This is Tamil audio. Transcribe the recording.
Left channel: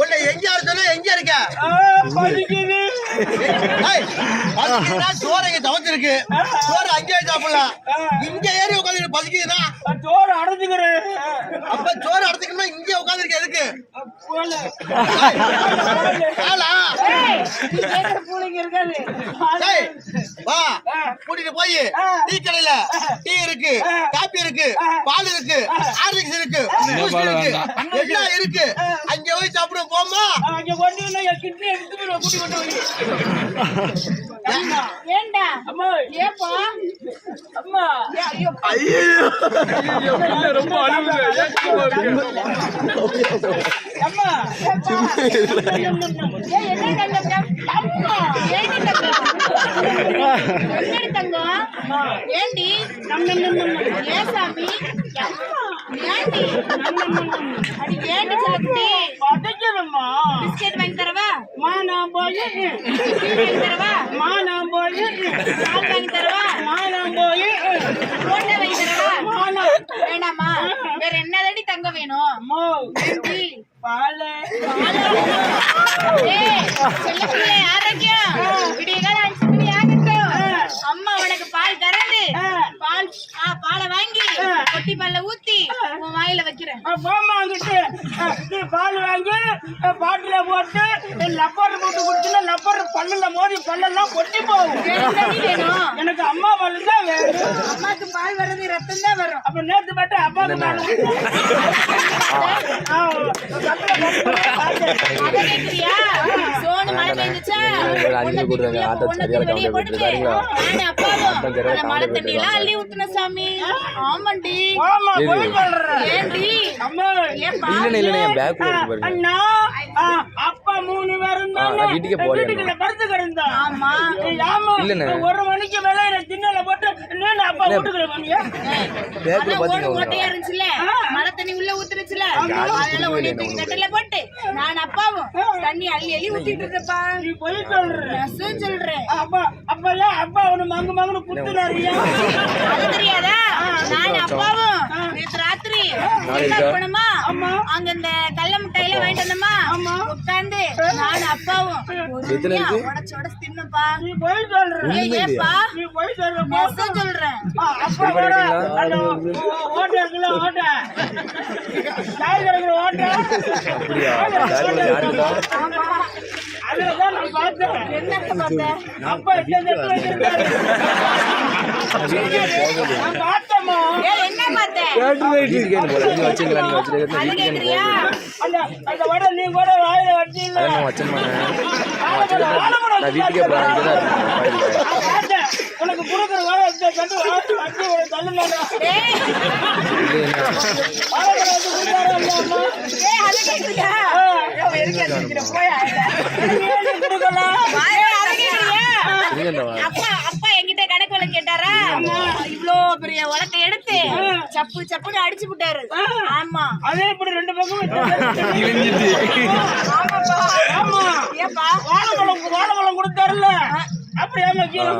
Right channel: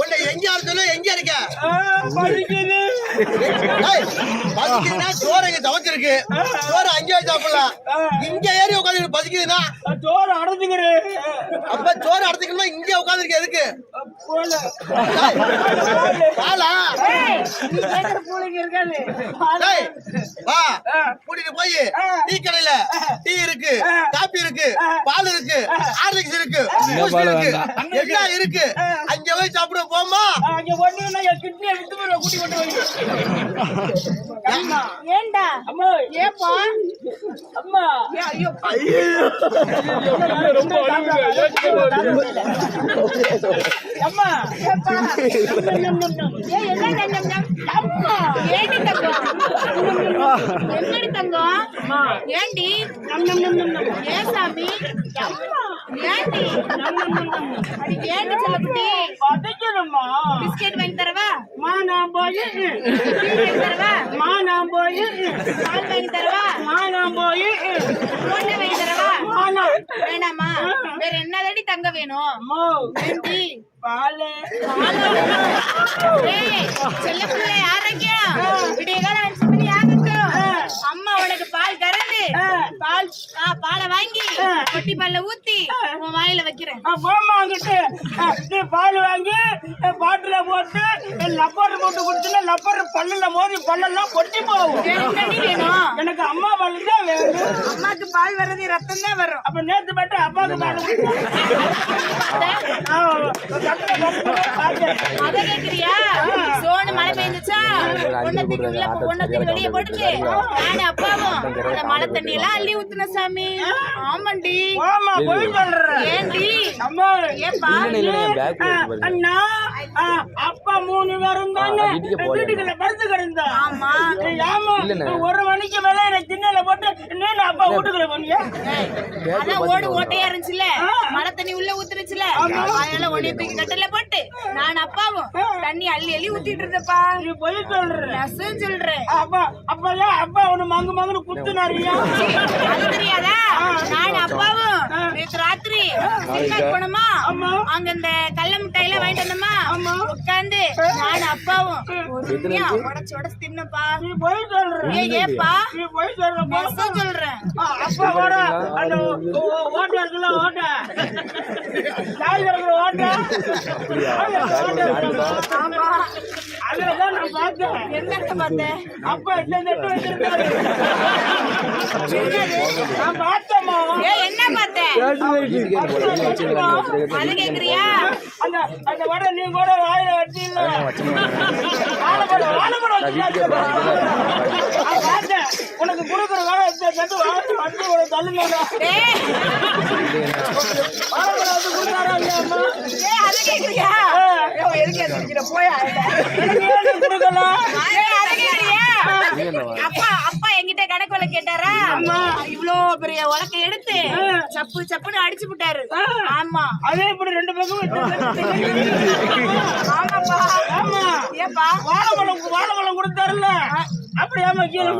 உன்னை எங்க சொல்லு, எங்க இருக்க? சோறு எங்க சமைச்சிருக்கு, சோறு அங்கே சாப்பிடலாம். இங்க ஏறி உட்காந்து பசிக்குதுன்னா சோறு அடைச்சுக்கிறேன். அப்ப சோறு அடைச்சுக்கணும்னா இங்க உட்காந்துருக்க எதுக்கு? வா கூட்டிட்டு போய் டீ கடையில டீ இருக்கு, காபி இருக்கு, பால் இருக்கு, ஹார்லிக்ஸ் இருக்கு, பூஸ்ட் இருக்கு, எல்லாம் இருக்கு. அங்க போய் சாப்பிட போமா. அங்க ஒண்ணு என் கிட்னி எடுத்து போய் கூட்டி கொண்டு போய். ஏண்டா அம்மா ஏப்பா அம்மா ஐயோ ரொம்ப அம்மா ஏப்பா என்ன தங்கம் அம்மா ஏண்டி தங்கம் என்னடி தங்கம் ஏண்டி ஏ சாமி அம்மா ஏண்டி அடி ஏண்டி சொல்லக்குட்டி படைக்கணும்மா. பிஸ்கெட் வாங்கி தரவா? நான் போய் வாங்கி தரவா? நான் போய் பால் வாங்கி தரவா? நான் போய் போண்டா வாங்கி தரவா? வேணாமா? வேற என்னதடி தங்க வேணும்? ஏண்டி பால் செல்ல பிள்ளை ஆரோக்கியம் விடியகால 5 மணி ஆகட்டும். அம்மா உனக்கு பால் கறந்து பாலை வாங்கி கொட்டி பால்ல ஊத்தி உன் வாயில வைக்கிறேன். போமா அங்கிட்டு நீ பால் வாங்கி பாட்டில போட்டு லப்பர் போட்டு குடிச்சுன்னா லப்பர் பல்லுல மோதி பல்லெல்லாம் கொட்டி போகும். வேணும் எனக்கு அம்மா பால் தான் வேணும். அம்மாக்கு பால் வர்றது ரத்தம் தான் வரும். அப்ப நேத்து மட்டும் அப்பாவுக்கு பால் அத கேக்குறியா? சோனு மழை பெய்ஞ்சுச்சா ஒன்னத்துக்கு வெளியே போட்டுட்டு நானும் அப்பாவும் அந்த மழை தண்ணி எல்லாம் அள்ளி ஊத்துன சாமி. ஆமாண்டி. ஏண்டி அம்மா ஏப்பா அண்ணா அப்பா 3 பேரும் தானே வீட்டுக்குள்ள படுத்து கிடந்தா. ஆமா 1 மணிக்கு மேல எனக்கு திண்ணல போட்டு நீ அப்பா வீட்டுக்குள்ள போனியா? அதான் ஓடு ஓட்டையா இருந்துச்சுல, மழை தண்ணி உள்ள ஊத்துருச்சுல, அதனால ஒடிய தூக்கி கட்டில போட்டு நான் அப்பாவும் தண்ணி அள்ளி அள்ளி ஊத்திட்டு இருந்தப்பா. நீ போய் சொல்ற சொல்றேன். அப்பெல்லாம் அப்பா ஒண்ணு மங்கு மங்குன்னு குத்துனாரியா? அது தெரியாதா? நான் அப்பாவும் நேற்று ராத்திரி போனோமா, அங்க இந்த கல்ல முட்டையில வாங்கிட்டு வந்தோமா, உட்காந்து நான் அப்பாவும் உடச்சு உடச்சு தின்னப்பா. நீ போய் சொல்ற. ஏப்பா நீ போய் சொல்ற. சொல்றேன். அப்பா கூட அந்த ஓட்ட இருக்குல்ல, ஓட்ட சாய் இருக்கிற ஓட்ட ஆமா அதுலதான் நான் பார்த்தேன். என்னத்த பார்த்தேன்? அப்பா எட்டு வச்சிருந்தாரு. நான் பார்த்தேம்மா. என்ன பார்த்தேன்? அது கேக்குறியா? அந்த வடை நீ கூட வாயில வச்சு இல்ல வாழைப்படம் பார்த்தேன். உனக்கு கொடுக்குற வேலை கண்டு வச்சு ஒரு தள்ளுமாடா வாழைப்படம் வச்சு கொடுத்தாரா இல்லையா? அது கேக்குறியா? போயா கொடுக்கலாம். அப்பா அப்பா என்கிட்ட கணக்கு வழக்கு கேட்டாரா? இவ்ளோ பெரிய உலக்கை எடுத்து சப்பு சப்புன்னு அடிச்சு விட்டாரு. ஆமா அதே இப்படி 2 பக்கம் ஆமா ஏப்பா வாழைப்பழம் கொடுத்தாருல்ல, அப்படி ஏமா கீழே